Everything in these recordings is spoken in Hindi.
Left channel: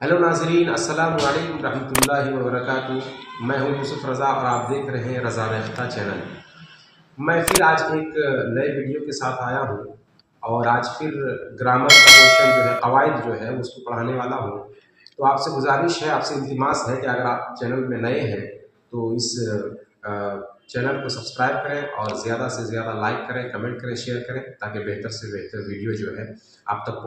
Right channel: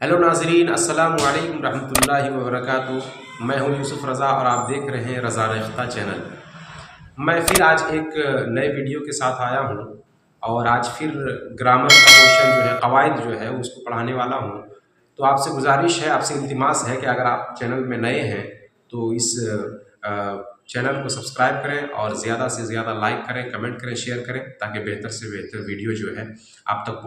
हेलो नाजरीन, अस्सलाम वालेकुम रहमतुल्लाहि व बरकातुहू। मैं हूं यूसुफ रज़ा और आप देख रहे हैं रज़ा रेख्ता चैनल। मैं फिर आज एक नए वीडियो के साथ आया हूं और आज फिर ग्रामर का पोर्शन जो है, कवायद जो है उसको पढ़ाने वाला हूं। तो आपसे गुजारिश है, आपसे इल्तिमास है कि अगर आप चैनल में नए हैं तो इस चैनल को सब्सक्राइब करें और ज़्यादा से ज़्यादा लाइक करें, कमेंट करें, शेयर करें, ताकि बेहतर से बेहतर वीडियो जो है आप तक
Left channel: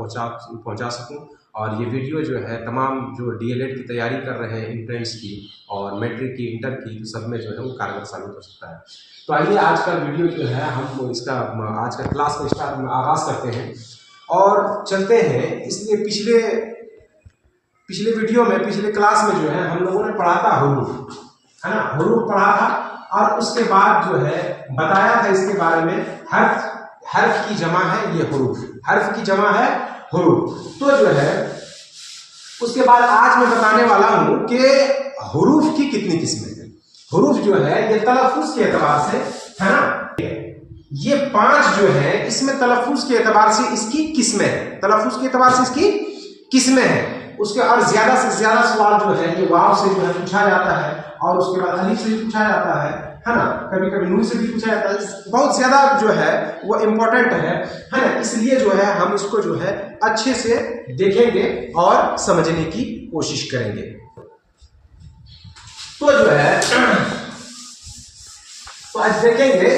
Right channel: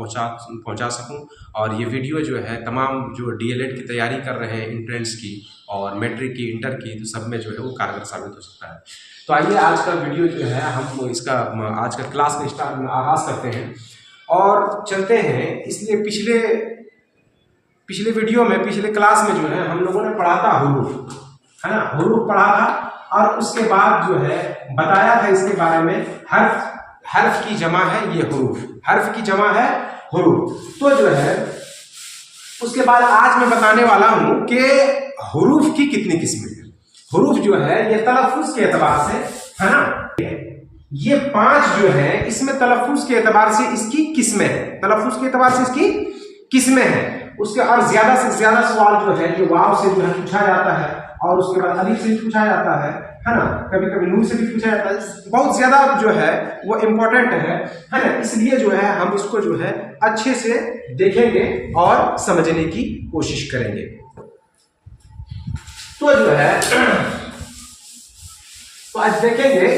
पहुंचा सकूं। और ये वीडियो जो है तमाम जो डीएलएड की तैयारी कर रहे हैं, एंट्रेंस की और मैट्रिक की, इंटर की, तो सब में जो है वो कारगर साबित हो सकता है। तो आइए आज का वीडियो जो है हम इसका आज का क्लास का आगाज़ करते हैं और चलते हैं। इसलिए पिछले वीडियो में, पिछले क्लास में जो है हम लोगों ने पढ़ा था हुरूफ, है ना, हुरूफ पढ़ा था और उसके बाद जो है बताया था इसके बारे में हर्फ की जमा है ये हुरूफ, हर्फ की जमा है हुरूफ। तो जो है उसके बाद आज मैं बताने वाला हूं कि हुरूफ की कितनी किस्में हैं। हुरूफ जो है ये तलफ्फुज के एतबार से, है ना, ये 5 जो है इसमें तलफ्फुज के एतबार से इसकी किस्में हैं, तलफ्फुज के एतबार से इसकी किस्में हैं। उसके और ज्यादा से ज्यादा सवाल जो है ये वाव से जो है पूछा जाता है और उसके बाद अलिफ से भी पूछा जाता है ना, कभी कभी नून से भी पूछा जाता है। बहुत ज्यादा जो है वो इम्पोर्टेंट है ना, इसलिए जो है हम इसको जो है अच्छे से देखेंगे और समझने की कोशिश करेंगे। तो जो है तो आज देखेंगे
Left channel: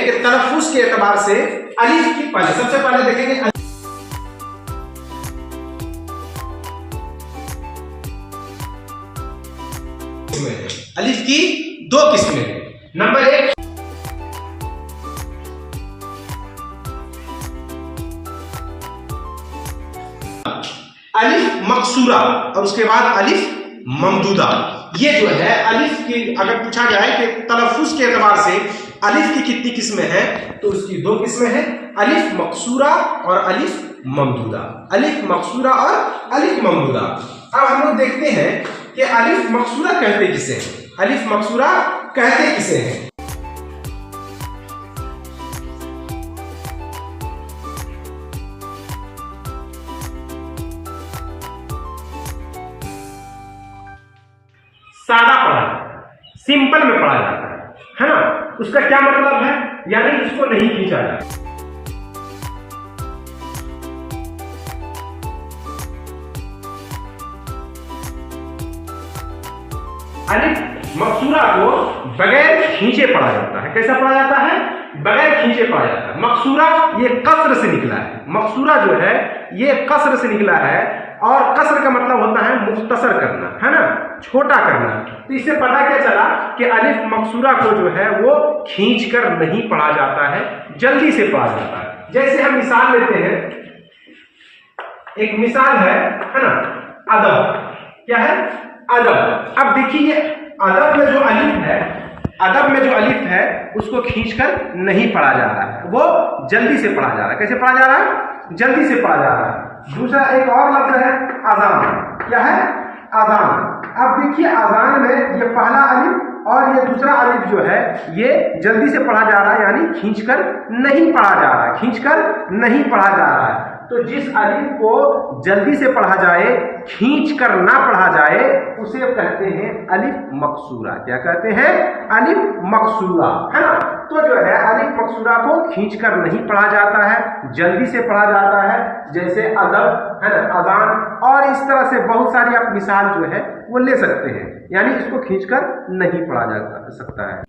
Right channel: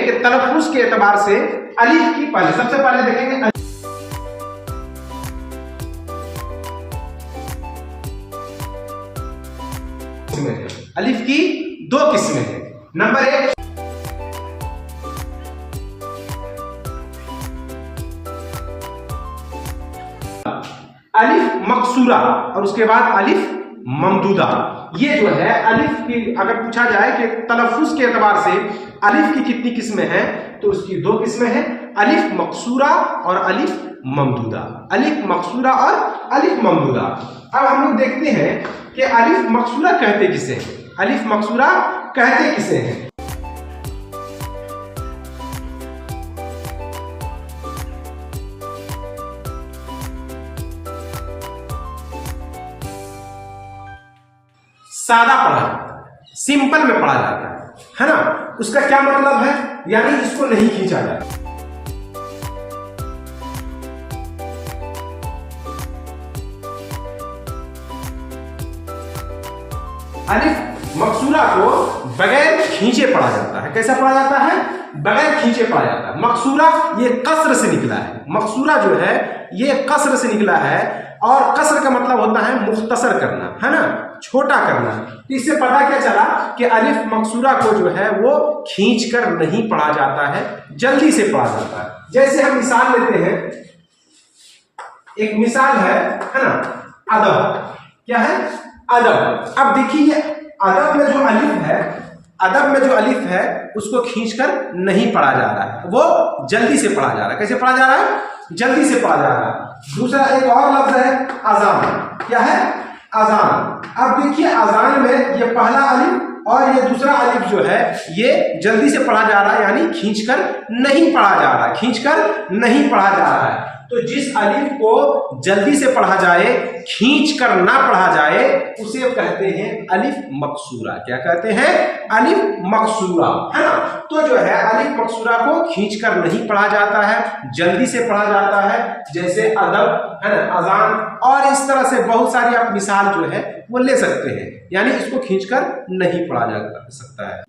कि तलफ्फुज के एतबार से अलिफ की पहले, सबसे पहले देखेंगे अलिफ की 2 किस्में हैं। नंबर 1 अलिफ मकसूरा और उसके बाद अलिफ ममदूदा। ये जो है अलिफ की, अगर पूछा जाए कि तलफ्फुज के एतबार से अलिफ की कितनी किस्में हैं तो उसकी 2 किस्में हैं, अलिफ मकसूरा और अलिफ ममदूदा। अलिफ मकसूरा और अलिफ ममदूदा। अब हम लोग देखते हैं कि अलिफ मकसूरा कहते किसे हैं, अलिफ मकसूरा कहते किसे हैं। सादा पढ़ा जाता है, सिंपल में पढ़ा जाता है ना। उसका क्या मतलब है, यानी इसको नहीं खींचा जाता। अलिफ मकसूरा को बगैर खींचे पढ़ा जाता है। कैसा पढ़ा जाता है? बगैर खींचे पढ़ा जाता है। मकसूरा ये कसर से निकला है, मकसूरा जो है ये कसर से निकला है और कसर का मतलब होता है मुख्तसर करना, है ना, छोटा करना। तो इससे पता क्या चला कि अलिफ मकसूरा को जो है वो खींचकर नहीं पढ़ा जाता है, जल्दी से पढ़ा जाता है। जैसे हम मिसाल लेते हैं, एक मिसाल है ना, अदब। क्या है? अदब। अब देखिए अदब में जो अलिफ है, अदब में जो अलिफ है उसको खींचकर नहीं पढ़ा जा रहा है, वो जल्दी से पढ़ा जा रहा है। कैसे पढ़ा जा रहा है? जल्दी से पढ़ा जा रहा है। दूसरा एक और लफ्ज है अजान। क्या है? अजान। अब देखिए अजान में ये पहला अलिफ और ये दूसरा अलिफ जो है ये जल्दी से पढ़ा जा रहा है, यानी खींचकर नहीं पढ़ा जा रहा है, खींचकर नहीं पढ़ा जा रहा है। तो जिस अलिफ को जल्दी से पढ़ा जाए, खींचकर ना पढ़ा जाए, उसे कहते हैं अलिफ मकसूरा। क्या कहते हैं? अलिफ मकसूरा, है ना। तो जो है अलिफ मकसूरा को खींचकर नहीं पढ़ा जाता है, जल्दी से पढ़ा जाता है, जैसे अदब, है ना, अजान, और इस तरह से बहुत सारी आप मिसाल जो है वो ले सकते हैं, यानी इसको खींचकर नहीं पढ़ा जा सकता है।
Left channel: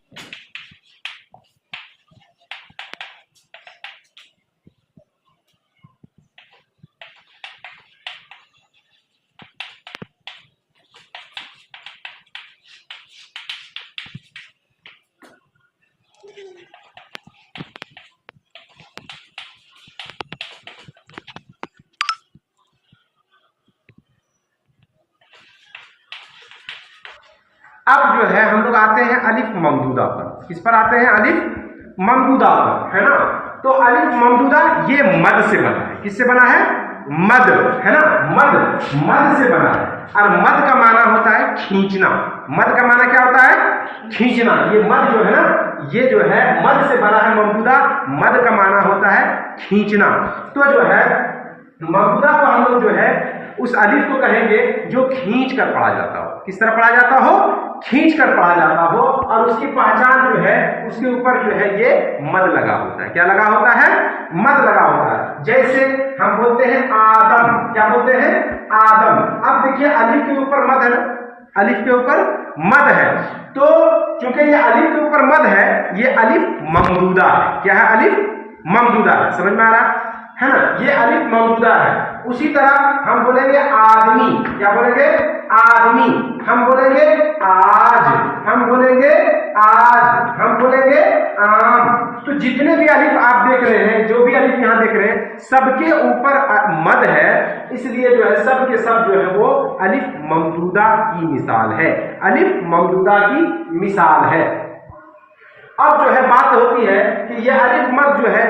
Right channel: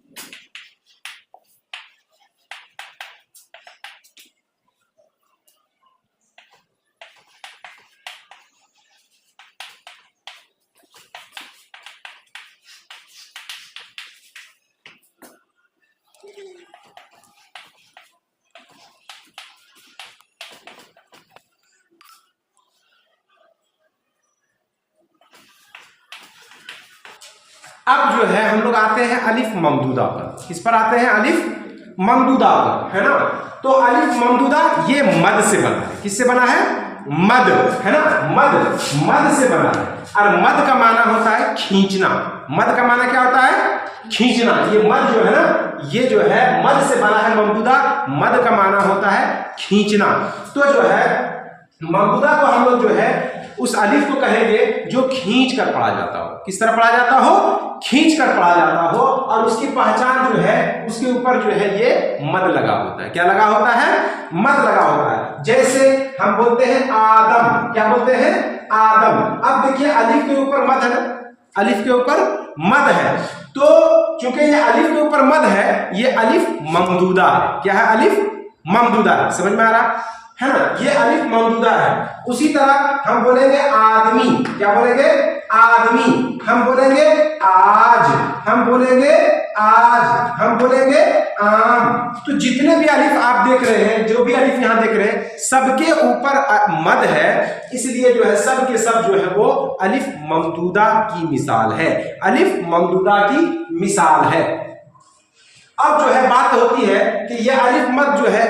अब जो है हम लोग आते हैं अलिफ ममदूदा पर। किस पर आते हैं? अलिफ ममदूदा पर, है ना। तो अलिफ ममदूदा ये मद से बना है। किससे बना है? मद, है ना, मद से बना है। और मद का माना होता है खींचना। मद का माना क्या होता है? खींचना। ये मद जो है ना, ये जो है मद से बना है ममदूदा, मद का माना होता है खींचना। तो जो है ममदूदा को हम लोग जो है उस अलिफ को कहेंगे जो खींच कर पढ़ा जाता हो। किस तरह पढ़ा जाता हो? खींच कर पढ़ा जाता हो, और उसकी पहचान जो है उसके ऊपर जो है ये मद लगा होता है। क्या लगा होता है? मद लगा होता है। जैसे हम बोलते हैं आदम, क्या बोलते हैं? आदम। अब देखिए अलिफ के ऊपर मद है, अलिफ के ऊपर मद है, तो चूंकि ये अलिफ के ऊपर मद है, ये अलिफ ममदूदा है। क्या है? अलिफ ममदूदा है। समझ में आ रहा है ना? ये अलिफ ममदूदा है। उसी तरह हम बोलेंगे आदमी, क्या बोलेंगे? आदमी। हम बोलेंगे आज, हम बोलेंगे आज, हम बोलेंगे आम। तो जितने भी अलिफ आप देख रहे हैं, जो भी अलिफ यहां देख रहे हैं, सबके ऊपर मद है, इसलिए जो है सब के सब जो है वो अलिफ ममदूदा की मिसाल है, अलिफ ममदूदा की मिसाल है। अब जो है बात होती है कि ये अलिफ मद जो है,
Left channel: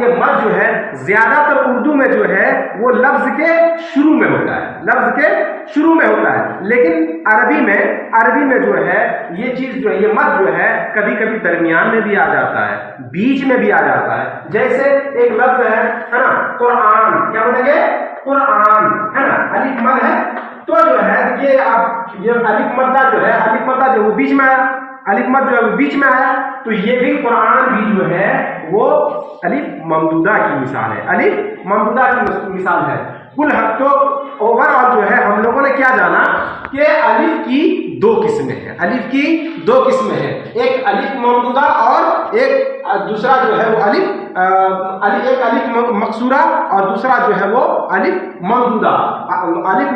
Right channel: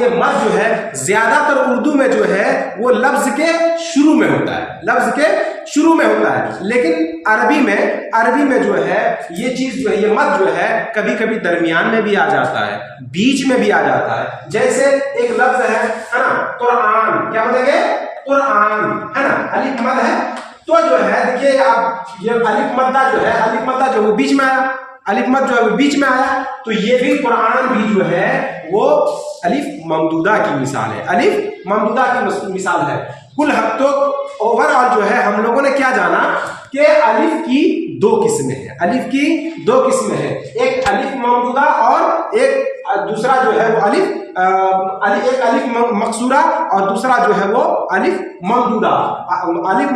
ये मद जो है ज्यादातर उर्दू में जो है वो लफ्ज के शुरू में होता है, लफ्ज के शुरू में होता है। लेकिन अरबी में जो है ये चीज जो है, ये मद जो है कभी कभी दरमियान में भी आ जाता है, बीच में भी आ जाता है। जैसे एक लफ्ज है ना, कुरान, क्या बोलेंगे? कुरान, है ना? अलिफ मद है, तो जो है देखिए आप ये अलिफ मद्दा जो है, अलिफ मद्दा जो वो बीच में आया, अलिफ मद जो है वो बीच में आया, तो ये भी कुरान भी जो है वो अलिफ ममदूदा की मिसाल है, अलिफ ममदूदा की मिसाल है। कुल तो ओवरऑल जो है हम लोगों ने क्या जाना कि अलिफ की दो किस्में हैं, अलिफ की दो किस्में हैं, एक अलिफ ममदूदा और एक दूसरा जो है वो एक अलिफ मकसूरा और दूसरा जो है वो अलिफ ममदूदा। अलिफ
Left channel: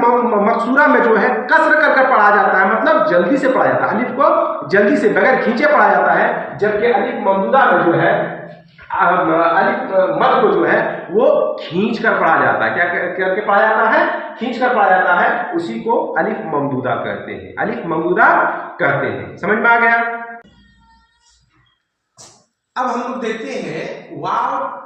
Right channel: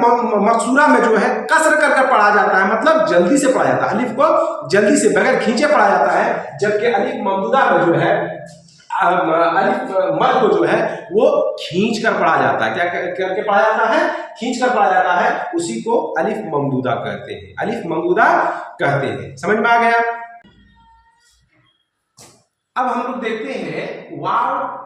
मकसूरा में जो है कसर करके पढ़ा जाता है, मतलब जल्दी से पढ़ा जाता है, अलिफ को जल्दी से बगैर खींचे पढ़ा जाता है, जबकि अलिफ ममदूदा में जो है अलिफ मद को जो है वो खींच कर पढ़ा जाता है। क्या करके पढ़ा जाता है? खींच कर पढ़ा जाता है, उसी को अलिफ ममदूदा कहते हैं, अलिफ ममदूदा कहते हैं। समझ में आ गया? अब हम लोग देखते हैं वाव।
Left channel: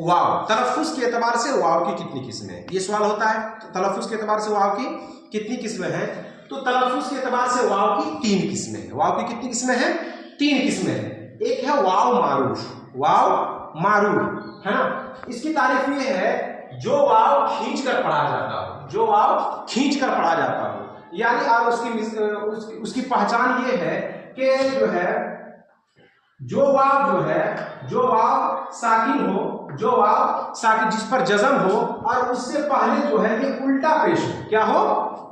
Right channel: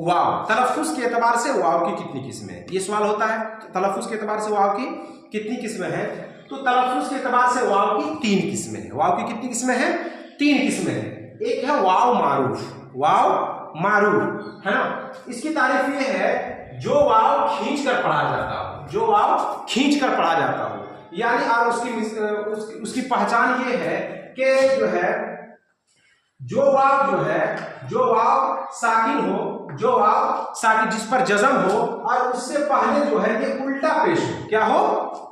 वाव तलफ्फुज के एतबार से वाव की कितनी किस्में हैं? ये सवाल होता है, तलफ्फुज के एतबार से वाव की कितनी किस्में हैं? तो तलफ्फुज के एतबार से वाव की 3 किस्में हैं। वाव की कितनी किस्में हैं? 3 किस्में हैं। एक है वाव मारूफ, वाव मारूफ, है ना? इसकी तारीफ ये है जो वाव खींच कर पढ़ा जाता हो, जो वाव खींच कर पढ़ा जाता हो, यानी आप उसकी पहचान ये है कि जो है जो वाव जो है, जो वाव साकिन हो, जो वाव साकिन जिस पर जज़म हो और उससे पहले जो है ये उल्टा पेश हो, क्या हो?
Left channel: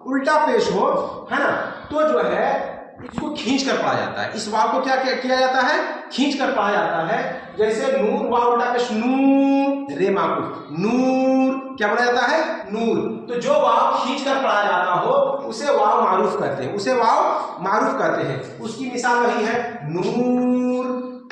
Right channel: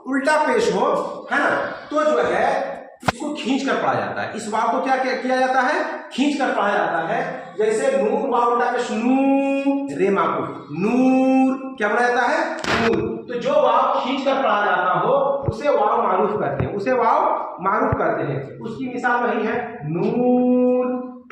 उल्टा पेश हो, है ना? तो जो है इसको खींच कर पढ़ा जाता है। इस वाव को क्या किया जाता है? खींच कर पढ़ा जाता है। जैसे नूर, वाव उल्टा पेश नूर, रे माकू नूर, क्या बोला जाता है? नूर। तो जो वाव खींच कर पढ़ा जाता हो उसे वाव मारूफ कहते हैं, उसे वाव मारूफ कहते हैं। उसकी मिसाल वही है नूर,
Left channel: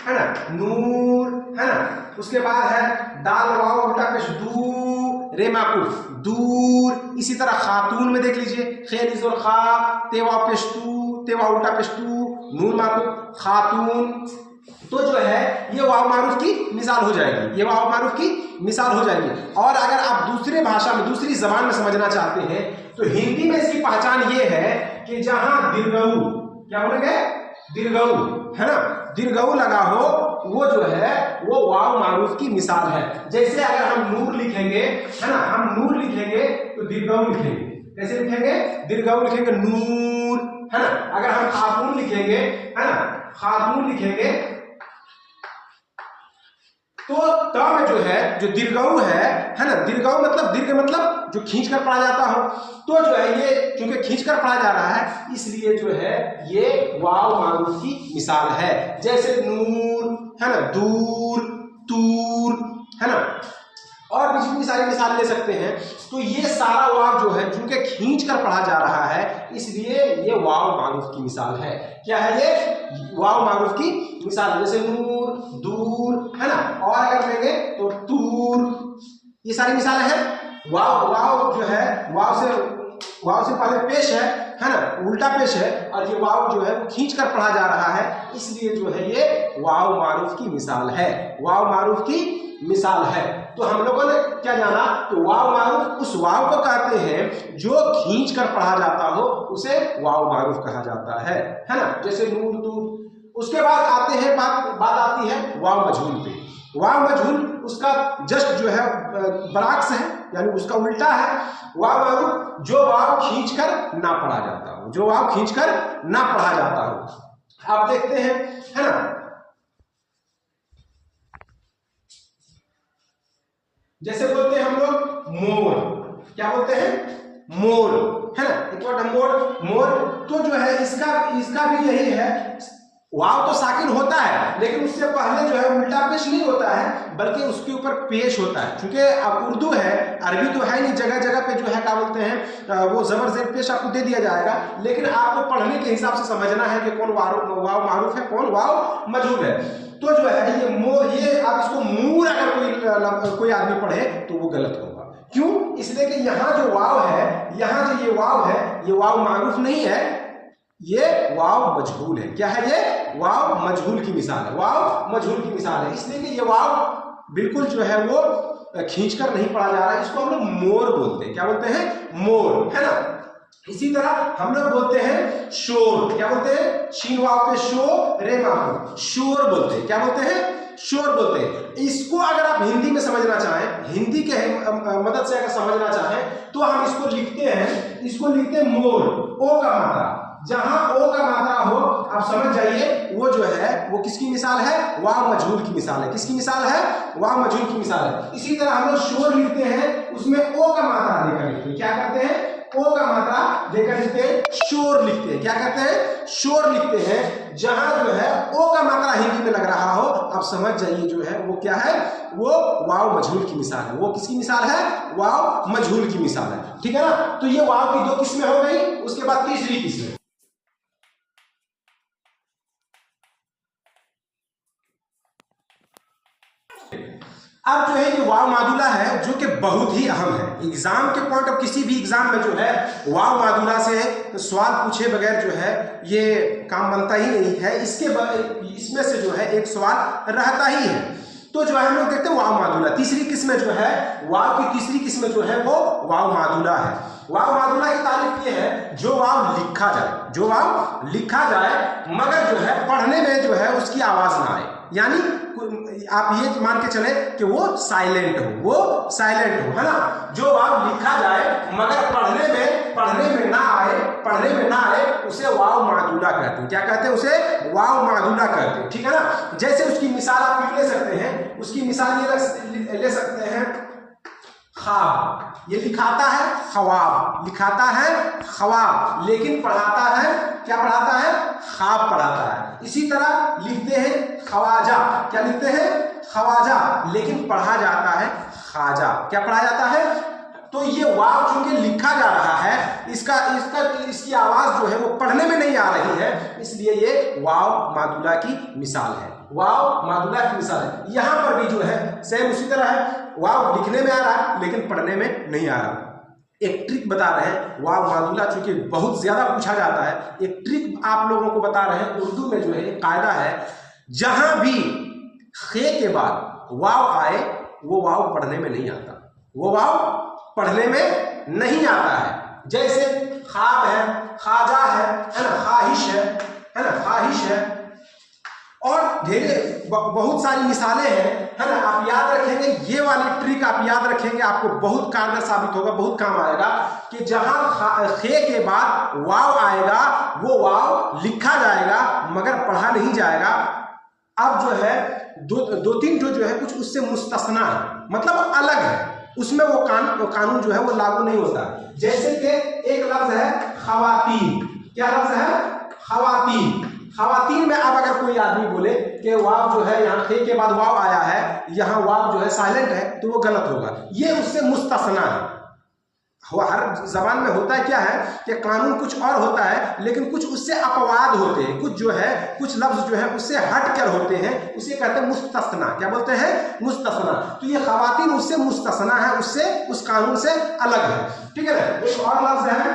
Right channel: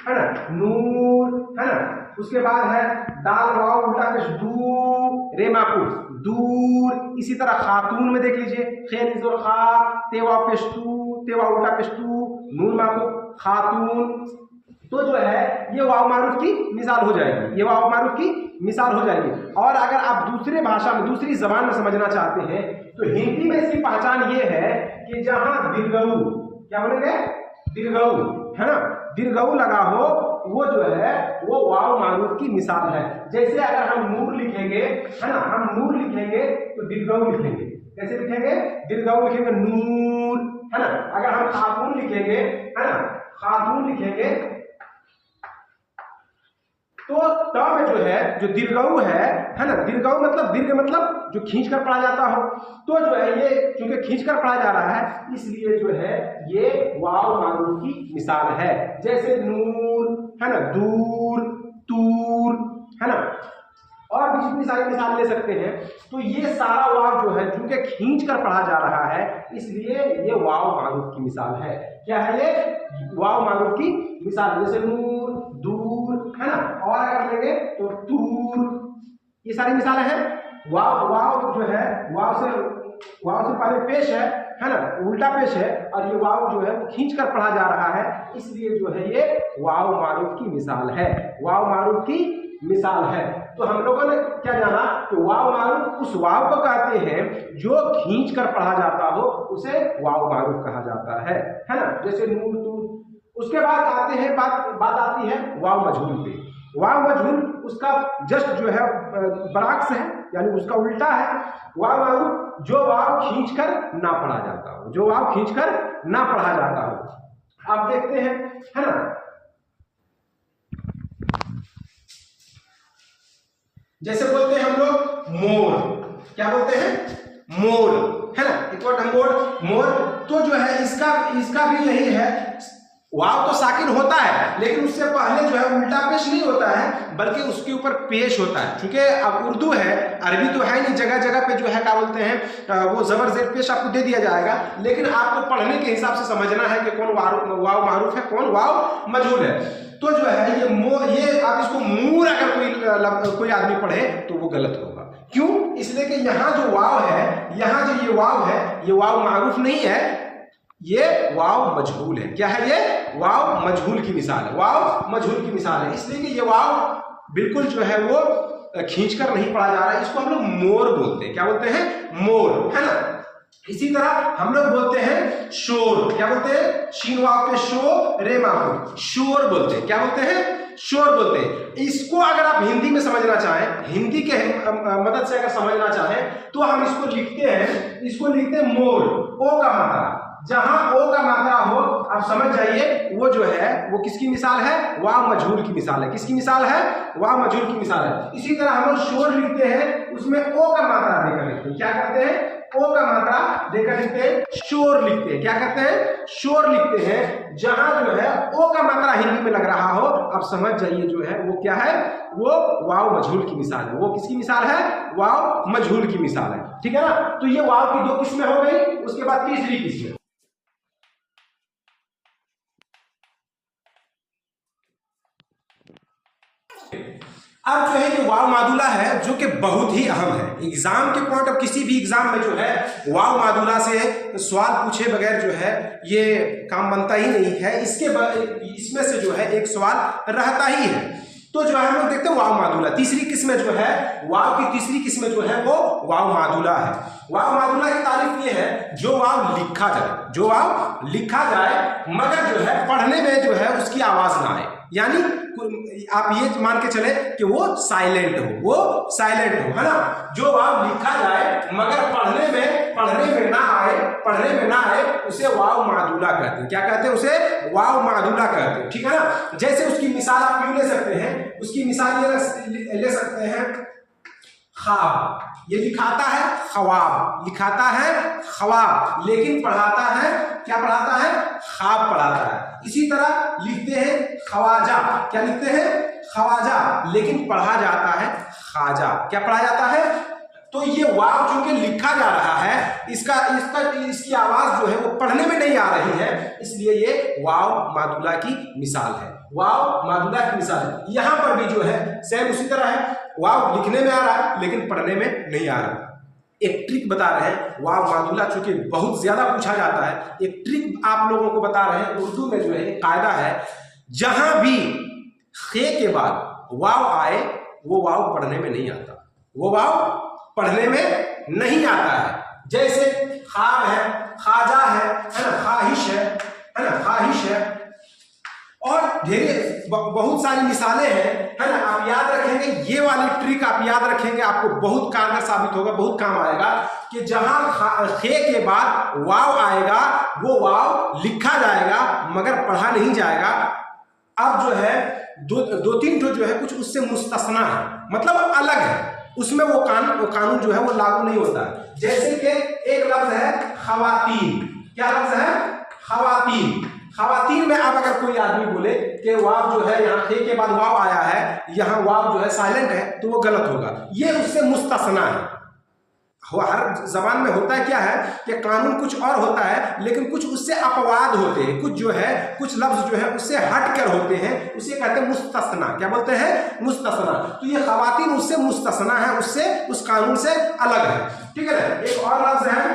है ना? नूर, है ना? उसके बाद है दाल वाव उल्टा पेश दू, रे माकूफ दूर। इसी तरह खातून में देख लीजिए, खेल जोर खा, तेवा पेश तू, तेवा उल्टा पेश तू, नून माकूफ खातून। तो जो है ये वाव मारूफ की मिसाल हो जाएगी, ये वाव मारूफ की मिसाल हो जाएगी। और अगर आप दूसरे भाषा में, दूसरी जबान में समझना चाहते हैं तो हिंदी में इसकी पहचान ये है कि जहां दीर्घऊ, क्या बोलेंगे? दीर्घऊ, है ना? दीर्घऊ लगा हो वो जो है वो वाव मारूफ की मिसाल है। जैसे अगर हम नूर लिखेंगे, है ना, हम नूर लिखेंगे तो दीर्घऊ लिखेंगे। कैसे लिखेंगे? दीर्घऊ लिखेंगे नूर, है ना? अगर हम खातून लिखेंगे, है ना, खातून लिखेंगे तो त में जो है जो दीर्घऊ है ना, दीर्घऊ मतलब दीर्घ मतलब जो खींच कर पढ़ा जाता हो, तो जो है ये क्योंकि खींच कर पढ़ा जा रहा है इसलिए जो है ये वाव मारूफ की मिसाल है। जैसे नूर, है ना, दूर, तूर, है ना, और भी जितनी सारी मिसाल ले सकते हैं। तो ये सारा वाव जो है चूंकि खींच कर पढ़ा जा रहा है इसलिए ये वाव मारूफ की मिसाल है। क्या है ये? वाव मारूफ की मिसाल। जैसे नूर, दूर, है ना, और अगर लेंगे तो तूर, ये सारी मिसालें हैं। वाव वाव जो है वाव से पहले पेश है ना, उल्टा पेश है, और ये वाव जो है वो खींच कर पढ़ा जा रहा है इसलिए जो है ये वाव मारूफ की मिसाल है, वाव मारूफ की मिसाल है। तो हम लोगों ने क्या जाना कि वाव मारूफ उस वाव को कहते हैं जो खींच कर पढ़ा जाता हो उसे वाव मारूफ कहा जाता है ना? जैसे नूर, तूर। उसके बाद आते हैं बात आती है वाव मजहूल पे। वाव मजहूल उसका जस्ट जो है बराक्स है, यानी उसका उल्टा है वाव मारूफ, जो वाव खींचकर ना पढ़ा जाता हो, जो वाव खींचकर ना पढ़ा जाता हो। आप देखते हैं, है ना, जैसे बोलते हैं हम लोग मोर, क्या बोलते हैं, मोर, है ना, एक वर्ड मोर, मोर, तो जो है इसका भी यही है, वाव तो साकिन होता है लेकिन उससे पहले जो है उल्टा पेश नहीं होता है बल्कि उसके ऊपर पेश होता है। क्योंकि अब उर्दू है, अरबी तो है नहीं, जगह जगह पे जो है क्या बोलते हैं वो जबर जेर पेश आपको दे दिया जाएगा, लेकिन आपको पढ़ने के हिसाब से समझना है कि कौन वाव मारूफ है, कौन वाव मजहूल है। तो जो है ये आप इसको मूर अगर कोई आदमी पढ़े तो वो गलत होगा। क्यों? इसलिए कि यहाँ जो वाव है, यहाँ जो ये वाव है, ये वाव मारूफ नहीं है, ये वाव मजहूल है। क्या है? ये वाव मजहूल की मिसाल है, वाव मजहूल की मिसाल है। इसलिए कि ये वाव बिल्कुल जो है वो खींचकर नहीं पढ़ा जा रहा है, इसको हम लोग मोर बोलते हैं। क्या बोलते हैं? मोर, है ना। इसी तरह हम लोग बोलते हैं शोर, क्या बोलते हैं? शीन वाव पे शो, रे माफू, शोर बोलते हैं। क्या बोलते हैं? शोर बोलते हैं। इसको अगर आप हिंदी में समझना चाहें, हिंदी के मदद से अगर समझना चाहें तो हम इसको लिखते हैं, इसको लिखते हैं मोर, ओ का मात्रा, जहां ओ का मात्रा हो आप समझ जाइए वो जो है वो किसकी मिसाल है? वाव मजहूल की मिसाल है। किसकी मिसाल है? वाव मजहूल की मिसाल है। इसी तरह हम लोग शोर लिखते हैं, उसमें ओ का मात्रा देकर लिखते हैं। क्या करते हैं? ओ का मात्रा देकर लिखते हैं, शोर लिखते हैं। क्या करते हैं? शोर लिखते हैं। जहां जो है ओ का मात्रा हिंदी में लग रहा हो आप समझ जाइए जो है वो क्या है? वो वाव मजहूल की मिसाल है। वो किसकी मिसाल है? वाव मजहूल की मिसाल है। ठीक है ना। तो ये वाव की दो किस्में हो गई, उसके बाद तीसरी किस्म, अब जो है ये वाव मादुला है जो कि बहुत ही अहम है। एग्जाम के पॉइंट ऑफ, किसी भी एग्जाम में जो है वाव मादुला से सवाल पूछे बगैर जो है ये काम बनता ही नहीं है। इसमें से जो है एक सवाल रहता ही है। तो जो है हम लोग देखते हैं वाव मादुला। तीसरी किस्म जो है, वाव की तीसरी किस्म जो है वो वाव मादुला है। वाव मादुला की तारीफ ये है जो वाव लिखा जाए, जो वाव लिखा जाए मगर जो है पढ़ने में जो है उसकी आवाज ना आए, यानी आप ये मान के चले कि वो साइलेंट हो, वो साइलेंट हो, है ना। जो वाव लिखा जाए मगर पढ़ने में ना आए, पढ़ने में ना आए, उसे वाव मादुला कहते हैं। क्या कहते हैं? उसे वाव मादुला कहते हैं। ठीक है ना। जैसे उसकी मिसाल आप क्यों ले सकते हैं? उसकी मिसाल ये ले सकते हैं, ख्वाब, ये लिखाता है ख्वाब, लिखाता है ख्वाब, लेकिन पढ़ाता है, क्या पढ़ाता है? ख्वाब पढ़ाता है। इसी तरह लिखते हैं ख्वाजा, क्या लिखते हैं? ख्वाजा, लेकिन पढ़ा जाता है खाजा, क्या पढ़ा जाता है? तो ये वाव चूंकि लिखा जा रहा है, इसकी आवाज जो है वो पढ़ने में नहीं आ रही है, इसलिए ये वाव मादुला की मिसाल है। वाव मादुला की मिसाल है। यहां पर भी जो है सेम उसी तरह है, वाव लिखने में आ रहा है लेकिन पढ़ने में नहीं आ रहा। एक ट्रिक बता रहे हैं, वाव मादुला चूंकि बहुत ज्यादा पूछा जाता है, एक ट्रिक आप लोगों को बता रहे हैं। उर्दू में जो है एक कायदा है, जहां भी खे के बाद वाव आए वो वाव पढ़ने में नहीं आता, वो वाव पढ़ने में नहीं आता है। जैसे ख्वाब है, खाजा है ना, ख्वाहिश है ना, ख्वाहिश है, और ढेरे बहुत सारी मिसालें हैं, है ना। आप याद रखेंगे, ये वाली ट्रिक आप याद रखेंगे, आपको बहुत कारगर साबित होगा, बहुत काम आएगा। कि जहां खे के बाद वाव आएगा वो वाव लिखा जाएगा मगर पढ़ा नहीं जाएगा। अब जो है दो तीन जो है कुछ उससे मुस्तस्ना है, मतलब अलग है, उसमें वो कानून जो है वो लागू नहीं होता है। जैसे कि एक लफ्ज है खवातीन, क्या लफ्ज है? खवातीन। खवातीन में अब अगर कोई आदमी बोले कि वाव जो है यहाँ खे के बाद वाव आया है, यहाँ वाव जो है साइलेंट है, तो वो गलत होगा। ये उससे मुस्तस्ना है। हर जबान में होता है क्या है कि कानून कुछ और होता है लेकिन कुछ उससे अपवाद होते हैं, कुछ जो है कुछ लफ्ज जो है उससे हट कर होते हैं, उसे कहते हैं मुस्तस्ना। क्या बोलते हैं? मुस्तस्ना। तो ये खवातीन उससे मुस्तस्ना है, उससे उस कानून से अलग है। ठीक है ना। एक और लफ्ज है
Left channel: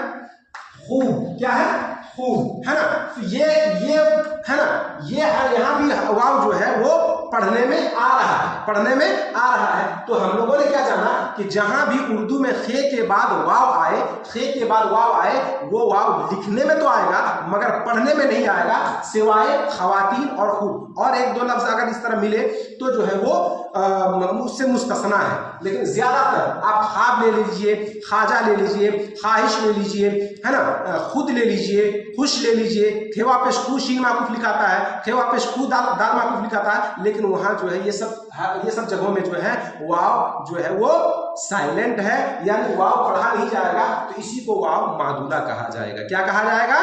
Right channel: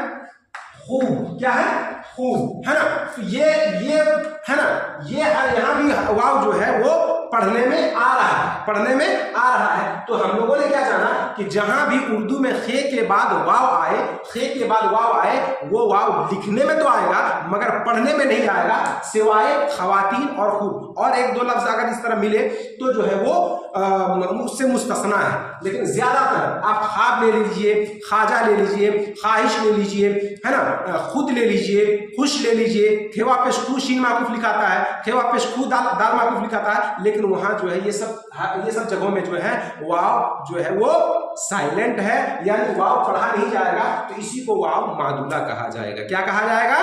खूब, क्या है? खूब, है ना। तो ये है ना, ये है, यहाँ भी वाव जो है वो पढ़ने में आ रहा है, पढ़ने में आ रहा है। तो हम लोगों ने क्या जाना कि जहां भी उर्दू में खे के बाद वाव आए, खे के बाद वाव आए, वो वाव लिखने में तो आएगा मगर पढ़ने में नहीं आएगा, सिवाय खवातीन और खूब। और एक दो लफ्ज अगर इस तरह मिले तो जो है वो उससे मुस्तस्ना है। लेकिन ज़्यादातर आप ख्वाब ले लीजिए, ख्वाजा ले लीजिए, ख्वाहिश ले लीजिए, है ना, खुद ले लीजिए, खुश ले लीजिए, खेवा पेश खू शीन माकूफ लिखाता है, खेवा पेश खू दाल माकूफ लिखाता है, लेकिन वहाँ जो है ये सब जगहों में जो है वाव जो है वो साइलेंट है, यानी वाव पढ़ा नहीं जाएगा, तो इसी को वाव मादुला कहा जाएगा। क्या कहा जाएगा?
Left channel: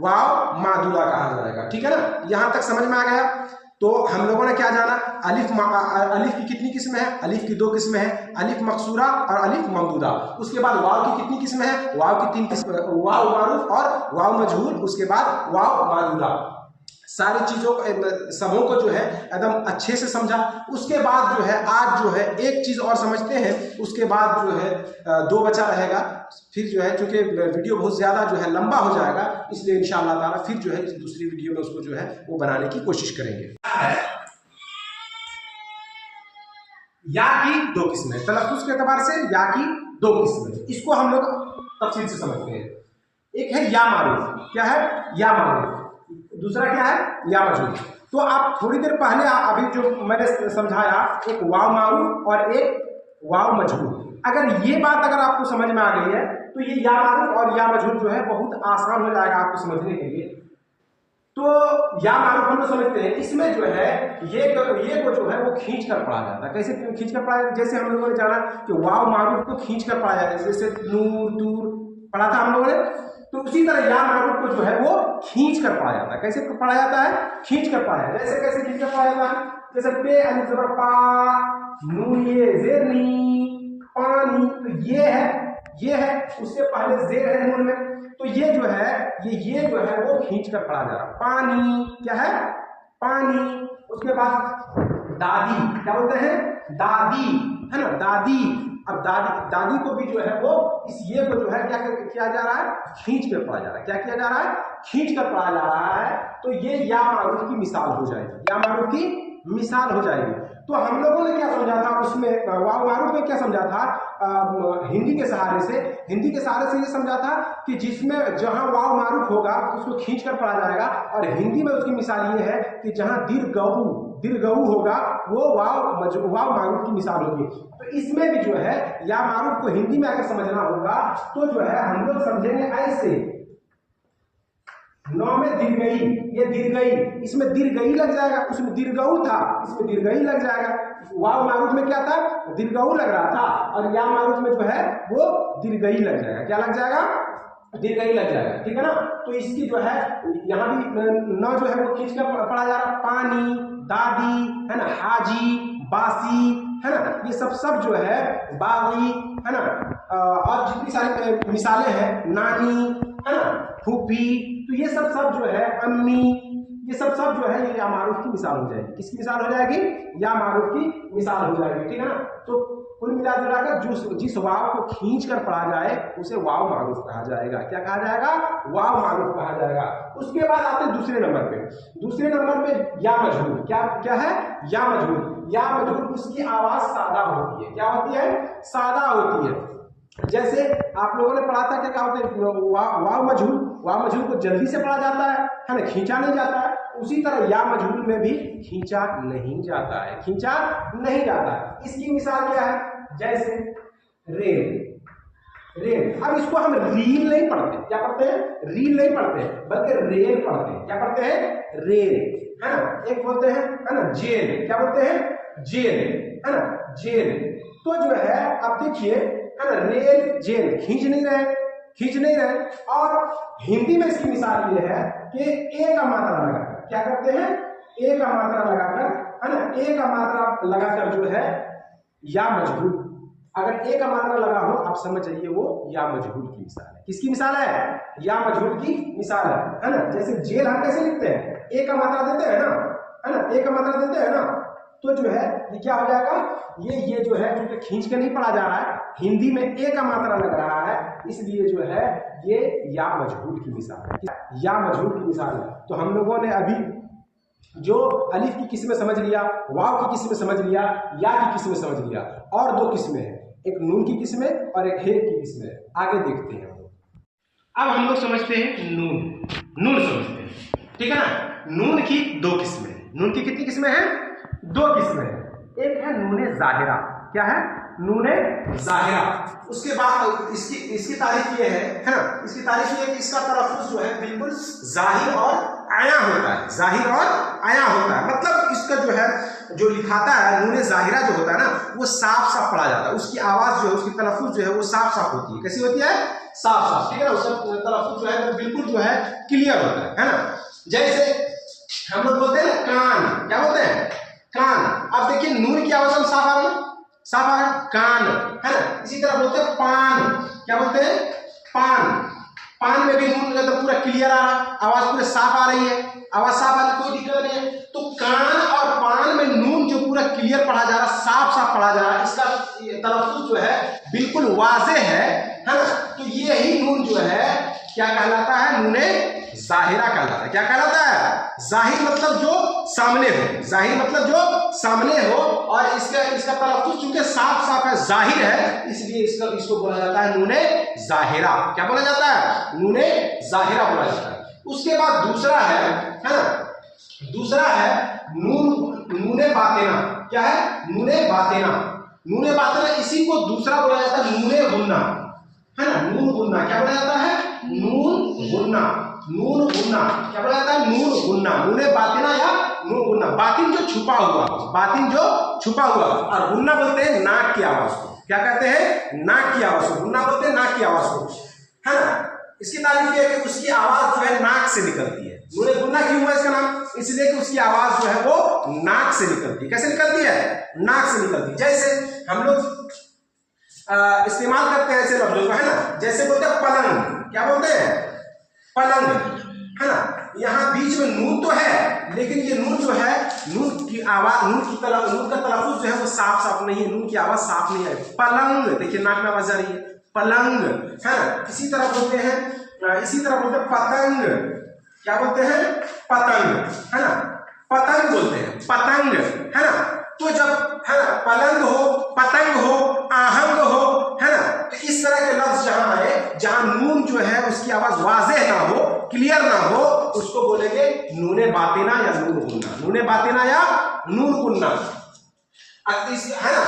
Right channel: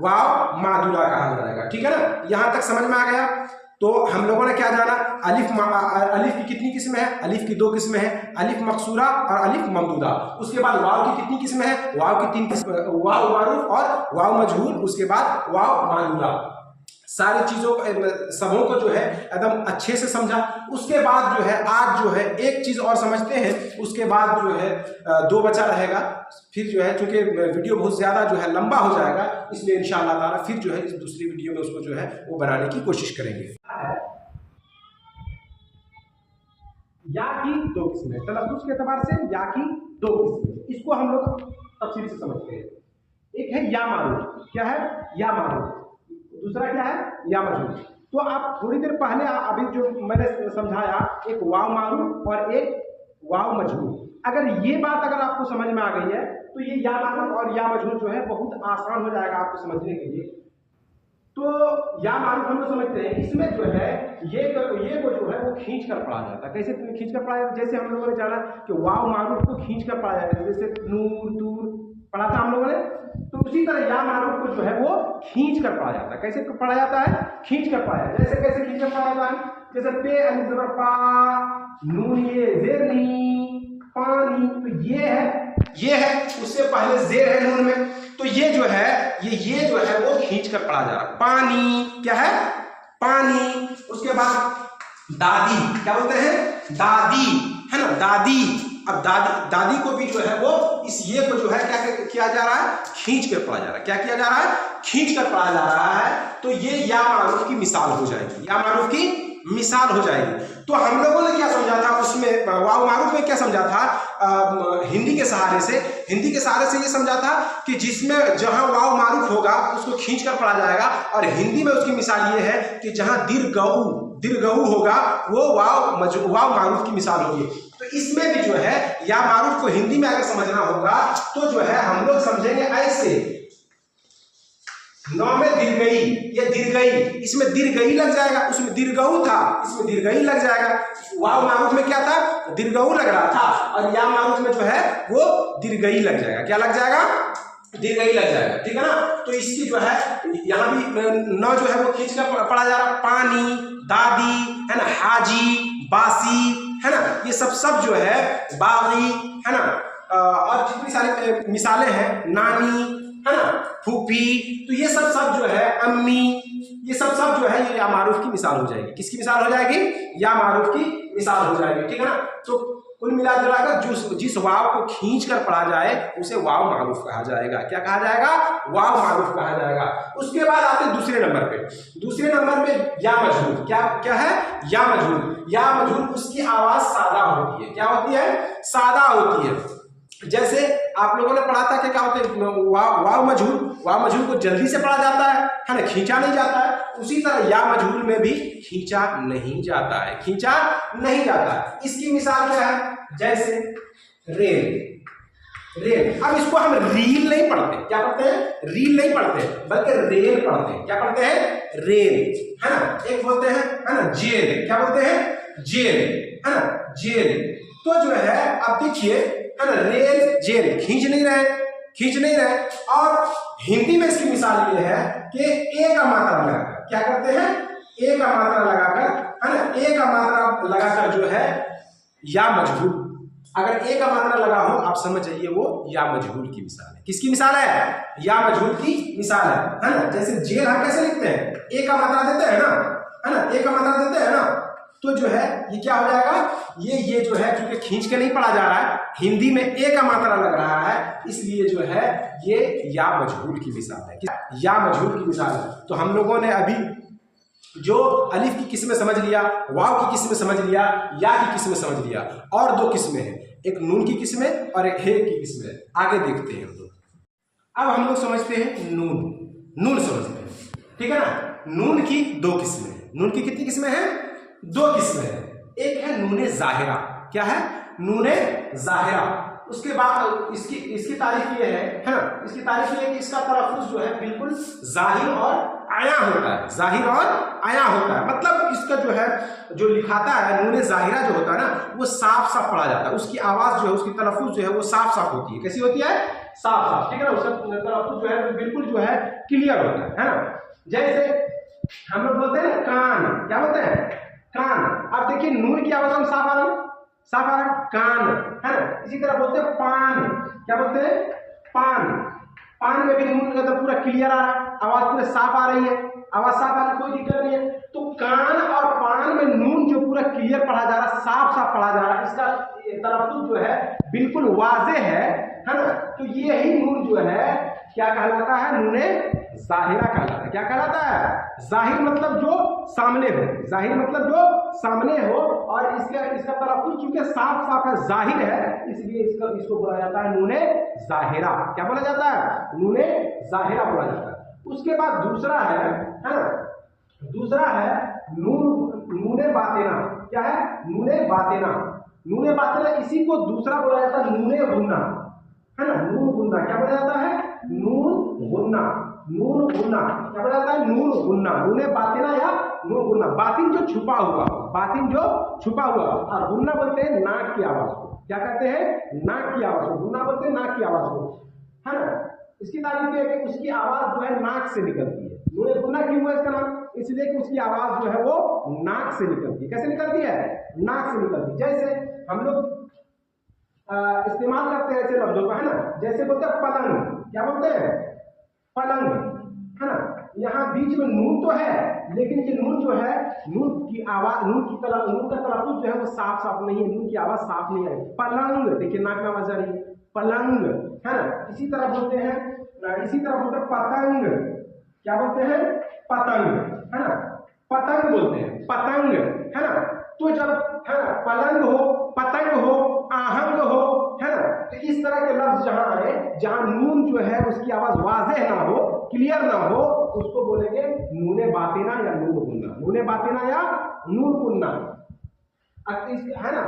वाव मादुला कहा जाएगा। ठीक है ना, यहां तक समझ में आ गया। तो हम लोगों ने क्या जाना, अलिफ की कितनी किस्में हैं? अलिफ की 2 किस्में हैं, अलिफ मकसूरा और अलिफ ममदूदा। उसके बाद वाव की कितनी किस्में हैं? वाव की 3 किस्में, वाव मारूफ और वाव मजहूल, उसके बाद वाव मादुला। सारी चीज़ों सबों को जो है एकदम अच्छे से समझा। उसके बाद जो है आज जो है एक चीज़ और समझते हैं, उसके बाद जो है 2 बचा रहेगा। फिर जो है चूंकि वीडियो बहुत ज़्यादा जो है लंबा हो जाएगा, इसलिए इंशाअल्लाह ताला फिर जो है इस दूसरी वीडियो में उसको जो है वो बनाने की कोशिश करेंगे। या की 2 किस्में, तलफ़्फ़ुज़ के एतबार से या की 2 किस्में, इसको हम लोग तफसील से समझते हैं। एक है या मारूफ। क्या है? या मारूफ। दूसरा क्या है? या मजहूल। तो आप थोड़ी देर पहले अभी जो मैंने समझाया, एक वाव मारूफ और एक वाव मजहूल, अगर ये बात अगर आपको समझ में आ गई है तो ये या मारूफ और या मजहूल जो है बहुत आसान हो जाएगा आपको समझने के लिए। तो या मारूफ हम लोग समझते हैं, इसमें जो है ये को जो है वो खींच कर पढ़ा जाता है। कैसे खींच कर पढ़ा जाता है? जैसे हम लोगों ने जाना कि वाव मारूफ को खींच कर पढ़ा जाता है, जैसे नूर तूर पढ़ा था हम लोगों ने, तो उसी तरह या मारूफ को जो है वो खींच कर पढ़ा जाता है। कैसे पढ़ा जाता है? खींच कर पढ़ा जाता है। जैसे कैसे खींच कर पढ़ा जाता है? जैसे पे अलिफ ज़बर पा, नून ये ज़ेर नी, पानी, तो ये है, उससे पहले ज़ेर है नून में, तो ये जो है ये जो है वो खींच कर पढ़ा जा रहा है। पानी, क्या है? पानी। उसके बाद दादी, क्या बोलते हैं? दादी, है ना, दादी। अब दादी को भी जो है वो इस ये को जो है क्या किया जा रहा है? खींच कर पढ़ा जा रहा है। क्या किया जा रहा है? खींच कर पढ़ा जा रहा है। तो ये या मारूफ की मिसाल हो जाएगी, या मारूफ की मिसाल हो जाएगी। तो हम लोगों ने क्या समझा था उसमें, वाव मारूफ में क्या समझा था? हिंदी के सहारे से ये समझा था कि जिसमें जहां वाव मारूफ होगा उसको खींच कर पढ़ा जाएगा, और हिंदी में उसकी मिसाल ये है कि जहां दीर्घऊ होगा वो वाव मारूफ की मिसाल होगी। तो इसमें भी जो है या मारूफ को हिंदी में अगर समझना होगा तो जो है हम लोग समझेंगे ऐसे, नौ में दीर्घई, ये दीर्घई, इसमें दीर्घई लग जाएगा, उसमें दीर्घऊ था, इसमें दीर्घई लग जाएगा। वाव मारूफ में क्या था? दीर्घऊ लग रहा था, और या मारूफ में जो है वो दीर्घई लग जाएगा। क्या लग जाएगा? दीर्घई लग जाएगा। ठीक है ना। तो इसकी जो है यहाँ भी न जो है वो खींच कर पढ़ा जा रहा। पानी, दादी, है ना, हाजी, बासी, है ना, ये सब जो है बागी, है ना, और जितनी सारी मिसालें हैं, नानी, है ना, फूफी, तो ये सब जो है, अम्मी, ये सब जो है ये या मारूफ की मिसाल हो जाएगी। किसकी मिसाल हो जाएगी? या मारूफ की मिसाल हो जाएगी। ठीक है ना। तो कुल मिलाकर जिस वाव को खींच कर पढ़ा जाए उसे वाव मारूफ कहा जाएगा। क्या कहा जाएगा? वाव मारूफ कहा जाएगा। उसके बाद आते हैं दूसरे नंबर पे। दूसरे नंबर पे या मजहूल। क्या है? या मजहूल। या मजहूल उसकी आवाज सादा होती है। क्या होती है? सादा होती है। जैसे आप लोगों ने पढ़ा था कि क्या होते हैं? वाव मजहूल को जल्दी से पढ़ा जाता है ना, खींचा नहीं जाता है। उसी तरह या मजहूल में भी खींचा नहीं जाता है, खींचा नहीं जाता है। इसकी मिसाल क्या है? जैसे रेल। अब इसको हम रील नहीं पढ़ते। क्या पढ़ते हैं? रील नहीं पढ़ते, बल्कि रेल पढ़ते हैं। क्या पढ़ते हैं? रेल, है ना। एक बोलते हैं, है ना, जेल। क्या बोलते हैं? जेल, है ना, जेल। तो जो है अब देखिए, है ना, रेल, जेल, खींच नहीं रहे। और हिंदी में इसकी मिसाल ये है कि ए का मात्रा लगाकर क्या करते हैं? ए का मात्रा लगाकर, है ना, ए का मात्रा लगाकर जो है या मजहूल, अगर ए का मात्रा लगा हो आप समझ जाइए वो या मजहूल की मिसाल है। किसकी मिसाल है? या मजहूल की मिसाल है ना। जैसे जेल हम कैसे लिखते हैं? ए का मात्रा देते हैं ना, है ना, ए का मात्रा देते हैं ना। तो जो है ये क्या हो जाएगा? ये जो है क्योंकि खींच के नहीं पढ़ा जा रहा है, हिंदी में ए का मात्रा लग रहा है, इसलिए जो है ये या मजहूल की मिसाल है। या मजहूल की मिसाल है। तो हम लोगों ने अभी जो अलिफ की किस्में समझ लिया, वाव की किस्में समझ लिया, या की किस्में समझ लिया, और 2 किस्में हैं, एक नून की किस्में और एक हे की किस्में। आगे देखते हैं हम लोग। अब हम लोग समझते हैं नून समझते हैं। ठीक है ना। नून की 2 किस्में। नून की कितनी किस्में हैं? 2 किस्में हैं। एक है नूने जाहिरा। क्या है? नूने जाहिरा। उसके बाद इसकी तारीफ ये है ना, इसकी तारीफ ये है कि इसका तलफ्फुज़ जो है बिल्कुल जाहिर और आया होता है, जाहिर और आया होता है। मतलब इसका जो है जो लिखाता है नूने जाहिरा जो होता है ना, वो साफ साफ पढ़ा जाता है। उसकी आवाज जो है, उसकी तलफ्फुज़ जो है वो साफ साफ होती है। कैसी होती है? साफ साफ, ठीक है ना। उसका तलफ्फुज़ जो है बिल्कुल जो है क्लियर होता है ना। जैसे हम लोग बोलते हैं ना कान, क्या बोलते हैं? कान। अब देखिए नून की आवाज हम साफ आ रही है, साफ आ रहा है, कान, है ना। इसी तरह बोलते हैं पान। क्या बोलते हैं? पान। पान में भी नून एकदम पूरा क्लियर आ रहा है, आवाज पूरे साफ आ रही है, आवाज साफ आ रही, कोई दिक्कत नहीं है। तो कान और पान में नून जो पूरा क्लियर पढ़ा जा रहा है, साफ साफ पढ़ा जा रहा है, इसका तलफ्फुज़ जो है बिल्कुल वाज़ेह है ना। तो यही नून जो है क्या कहलाता है? नूने जाहिरा कहलाता है। क्या कहलाता है? जाहिर मतलब जो सामने हो, जाहिर मतलब जो सामने हो, और इसका तलफ्फुज़ चूंकि साफ साफ है, जाहिर है, इसलिए इसको बोला जाता है नूने जाहिरा। क्या बोला जाता है? नूने जाहिरा बोला जाता है। उसके बाद दूसरा है ना, दूसरा है नूने बातिना। क्या है? नूने बातिना। नूने बातिना, इसी को दूसरा बोला जाता है नूने गुन्ना, है ना। नून गुन्ना क्या बोला जाता है? नून गुन्ना। नून गुन्ना क्या बोला जाता है? नून गुन्ना। नूने बातिना या नून गुन्ना। बातिन जो छुपा हुआ, बातिन जो छुपा हुआ, और गुन्ना बोलते हैं नाक की आवाज को। क्या कहते हैं? नाक की आवाज को गुन्ना बोलते हैं, नाक की आवाज को, है ना। इसकी तारीफ ये है कि उसकी आवाज जो है नाक से निकलती है। नूने गुन्ना क्यों हुआ इसका नाम? इसलिए कि उसकी आवाज जो है वो नाक से निकलती है। कैसे निकलती है? नाक से निकलती है। जैसे हम लोग इस्तेमाल करते हैं ऐसे लफ्जों का, है ना। जैसे बोलते हैं पलंग। क्या बोलते हैं? पलंग, है ना। यहाँ बीच में नून तो है, लेकिन ये नून जो है, नून की आवाज, नून का तलफ्फुज़ जो है वो साफ साफ नहीं है, नून की आवाज साफ नहीं है। पलंग, देखिए नाक में आवाज आ रही है, पलंग, है ना। इसी तरह बोलते हैं पतंग। क्या बोलते हैं? पतंग, है ना। पतंग बोलते हैं, पतंग, है ना। तो जब, है ना, पलंग हो, पतंग हो, आहंग हो, है ना, तो इस तरह के लफ्ज जहां आए, जहां नून जो है उसकी आवाज वाज़ेह ना हो, क्लियर ना हो, उसको बोलेंगे नूने बातिना या नून गुन्ना। नूने बातिना या नून गुन्ना, है ना।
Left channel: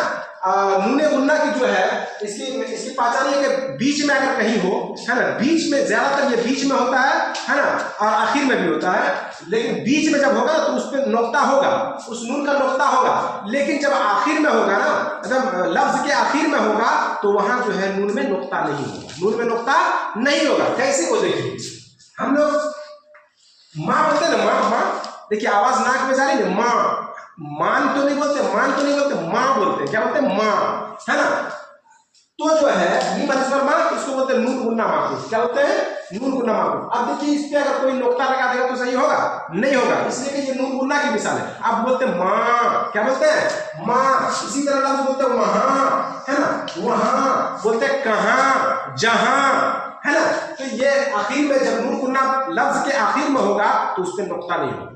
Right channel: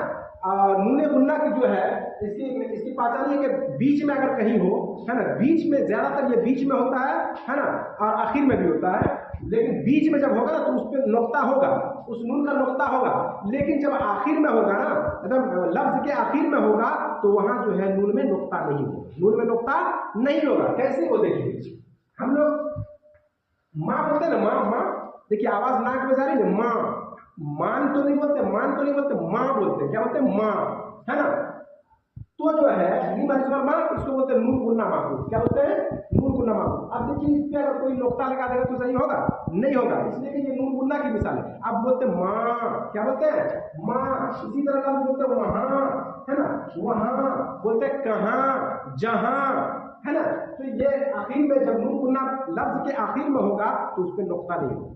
नूने गुन्ना की जो है इसकी पहचान ये कि बीच में अगर कहीं हो, है ना, बीच में, ज्यादातर ये बीच में होता है ना, और आखिर में भी होता है। लेकिन बीच में जब होगा तो उस पर नुक्ता होगा, उस नून का नुक्ता होगा। लेकिन जब आखिर में होगा ना, मतलब लफ्ज के आखिर में होगा, तो वहां जो है नून में नुक्ता नहीं होगा, नून में नुक्ता नहीं होगा। कैसे को देखिए, हम लोग माँ बोलते हैं ना, माँ माँ, देखिए आवाज नाक में जा रही है, माँ। मान तो नहीं बोलते, मान तो नहीं बोलते, माँ बोलते हैं। क्या बोलते हैं? माँ, है ना। तो जो है ये मतलब माँ, इसको बोलते हैं नून गुन्ना माकूफ। क्या बोलते हैं? नून गुन्ना माकूफ। अब देखिए इस पे अगर कोई नुक्ता लगा देगा तो सही होगा? नहीं होगा, इसलिए कि ये नून गुन्ना की मिसाल है। आप बोलते हैं माँ, क्या बोलते हैं? माँ। इसी तरह लफ्ज बोलते हैं वहां, है ना, वहां, बोलते हैं कहाँ, जहां, है ना। तो ये आखिर में जब नून गुन्ना लफ्ज के आखिर में होगा तो उस पर नुक्ता नहीं होगा।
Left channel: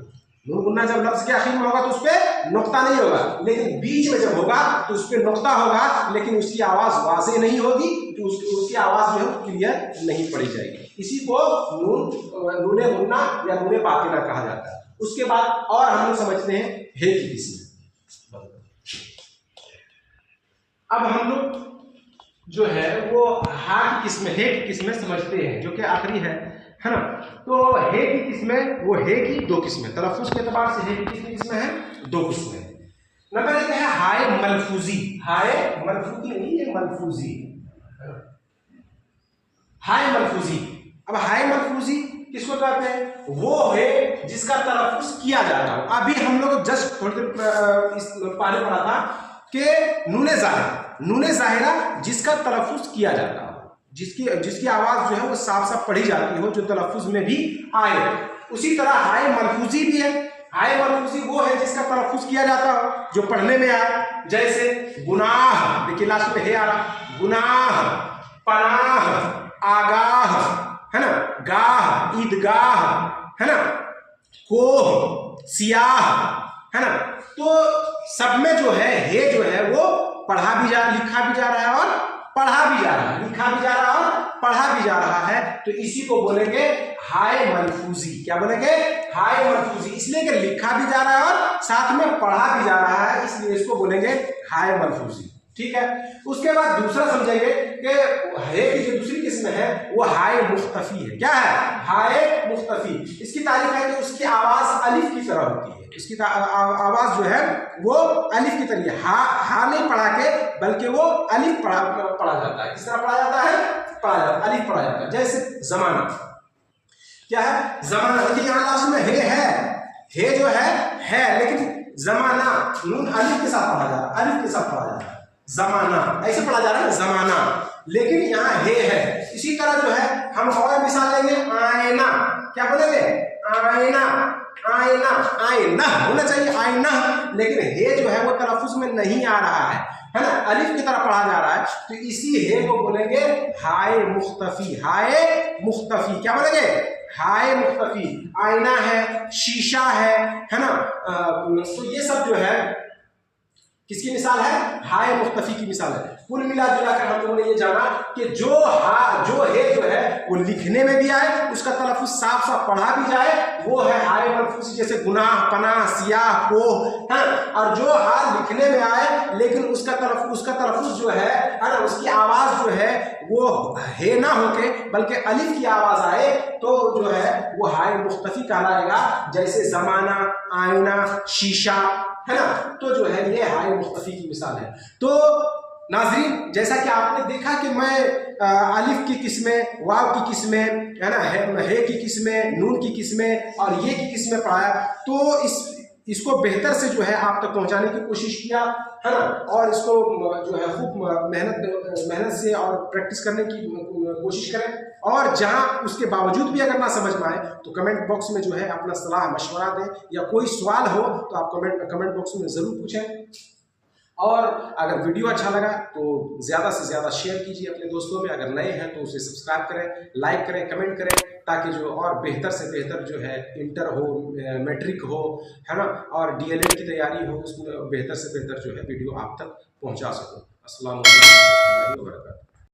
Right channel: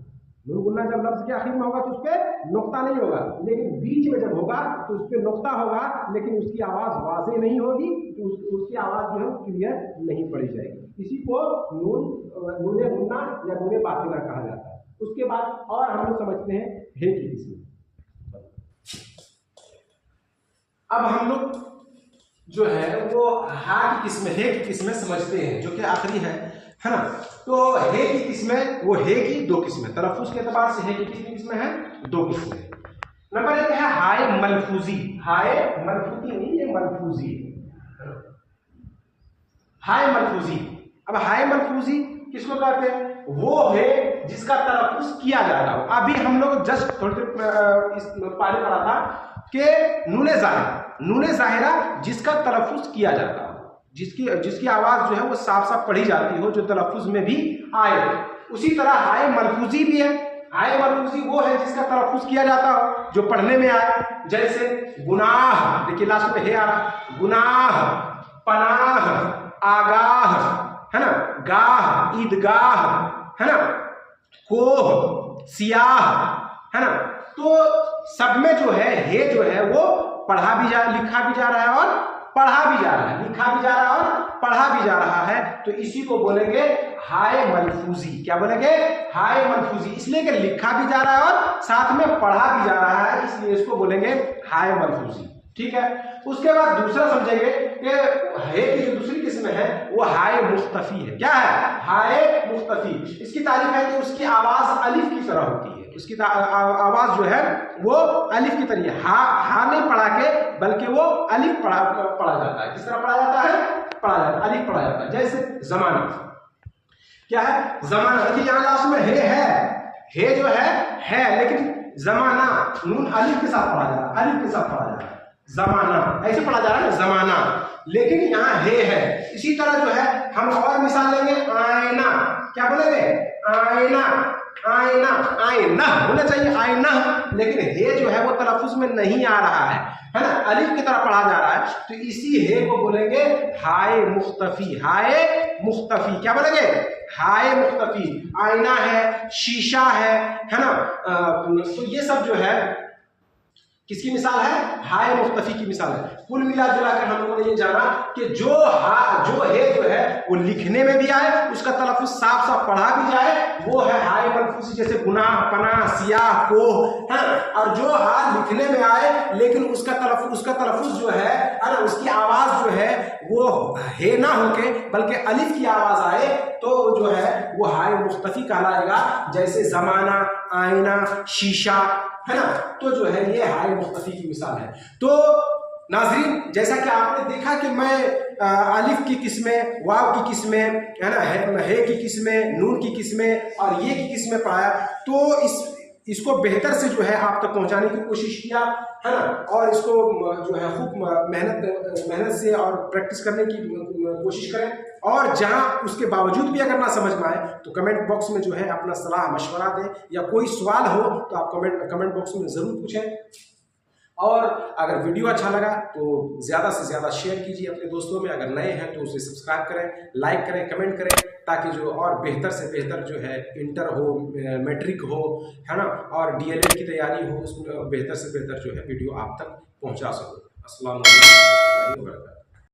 नून गुन्ना जब लफ्ज के आखिर में होगा तो उस पर नुक्ता नहीं होगा, लेकिन बीच में जब होगा तो उस पर नुक्ता होगा, लेकिन उसकी आवाज वाज़ेह नहीं होगी, तो उसकी आवाज जो है क्लियर नहीं पड़ी जाएगी। इसी को नूने गुन्ना या नूने बातिना कहा जाता है। उसके बाद और हम लोग समझते हैं हे की किस्में। अब हम लोग जो है वो हा की किस्में, हे की किस्में समझते हैं, जो कि आखिरी है ना। तो हे की किस्में, वो हे की दो किस्में, तलफ्फुज़ के एतबार से हे की कितनी किस्में हैं? दो किस्में। नंबर एक है हाय मलफूजी। हाय मलफूजी नहीं, ये मलफूजी, हाय मलफूजी। अब हाय मलफूजी किसको कहते हैं? वो है जिसका तलफ्फुज़ किया जाता हो। अभी हम लोग जस्ट थोड़ी देर पहले पढ़ा था कि नूने जाहिरा, नूने जाहिरा जिसका तलफ्फुज़ किया जाता हो, जिसकी आवाज जो है वो साफ साफ पढ़ी जाती हो, जो तलफ्फुज़ में भी आए। उसी तरह हाय मलफूजी भी है। हाय मलफूजी वो है जिसका तलफ्फुज़ किया जाता हो, जो पढ़ने में आए। जैसे गुनाह, देखिए लास्ट में हे आ रहा, गुनाह, पनाह, आगाह, है ना, गाह, ईदगाह, है ना, कोह, सियाह, है ना। तो सब में जो है हे जो है वो पढ़ा भी जा, लिखा भी जा रहा है और पढ़ा भी जा रहा है, लिखा भी जा रहा है और पढ़ा भी जा रहा है, तो इसी को बोलेंगे हाय मलफूजी। क्या बोलेंगे? हाय मलफूजी। इसलिए कि लिखा भी जा रहा है और साथ में पढ़ा भी जा रहा है, इसलिए इसको बोलेंगे हाय मलफूजी। ठीक है। उसके बाद दूसरा समझेंगे कि है की जो दूसरी किस्म है वो हाय मुख्तफी है। क्या है? हाय मुख्तफी। इसकी तारीफ है कि उसकी आवाज अलिफ की तरह होती है, इसकी आवाज जो है वो अलिफ की तरह है। हा नहीं पढ़ा के बल्कि वो अलिफ पढ़ा जाता है। किस तरह पढ़ा जाता है? अलिफ पढ़ा जाता है। जैसे जमाना, क्या है? जमाना। देखिए यहाँ लास्ट में है जो है, लेकिन जमाना नून अलिफ के साथ पढ़ा जा रहा है, अलिफ के साथ पढ़ा जा रहा है। जमाना ऐसे पढ़ा जा रहा है ना, जमाना, लेकिन यहाँ है। इसी तरह जो है हम और मिसाल लेंगे, आईना। क्या बोलेंगे? आईना, आईना, आईना होना चाहिए, आईना, लेकिन हे जो है वो तलफ्फुज में नहीं आ रहा है ना, अलिफ की तरह पढ़ा जा रहा है, तो इसी हे को बोलेंगे हाय मुख्तफी। हाय मुख्तफी। क्या बोलेंगे? हाय मुख्तफी। आईना है, शीशा है ना, तो ये सब जो है किसकी मिसाल है? हाय मुख्तफी की मिसाल है। कुल मिला जुलाकर हम लोगों ने ये जाना कि जो है वो लिखने में भी आए, उसका तलफ्फुज साफ साफ पढ़ा भी जाए, वो है हाय मलफूजी। जैसे गुनाह, पनाह, सियाह, कोह है, और जो लिखने में आए लेकिन उसका तलफ्फुज जो है ना, उसकी आवाज जो है वो हे ना होके बल्कि अलिफ की आवाज आए, तो जो है वो हाय मुख्तफी कहलाएगा। जैसे जमाना, आईना, शीशा है ना, तो जो है ये हाय मुख्तफी की मिसाल है। तो नाज़रीन, जैसा कि आपने देखा कि मैं अलिफ की किस्में, वाव की किस्में है ना, है की किस्में, नून की किस्में और ये की किस्में पढ़ाया, तो इसको बेहतर से जो है आप तक पहुंचाने की कोशिश किया है ना, और इसको जो है खूब मेहनत से और प्रैक्टिस करने की कोशिश करें। और जहां उसके बावजूद भी अगर ना समझ में आए तो कमेंट बॉक्स में जो है अपना सलाह मशवरा दें, या कोई सवाल हो तो आप कमेंट बॉक्स में ज़रूर पूछें। और अगर वीडियो अच्छा लगा तो ज़्यादा से ज़्यादा शेयर कीजिए अपने दोस्तों में। अगर नए हैं तो उसे सब्सक्राइब करें, लाइक करें, कमेंट करें, ताकि जो और बेहतर से बेहतर जो है इंटर हो, मैट्रिक हो, है ना, और डीएलएड की तैयारी हो, उसमें बेहतर से बेहतर जो है वीडियो आप तक पहुंचा सकूं। अस्सलाम वालेकुम।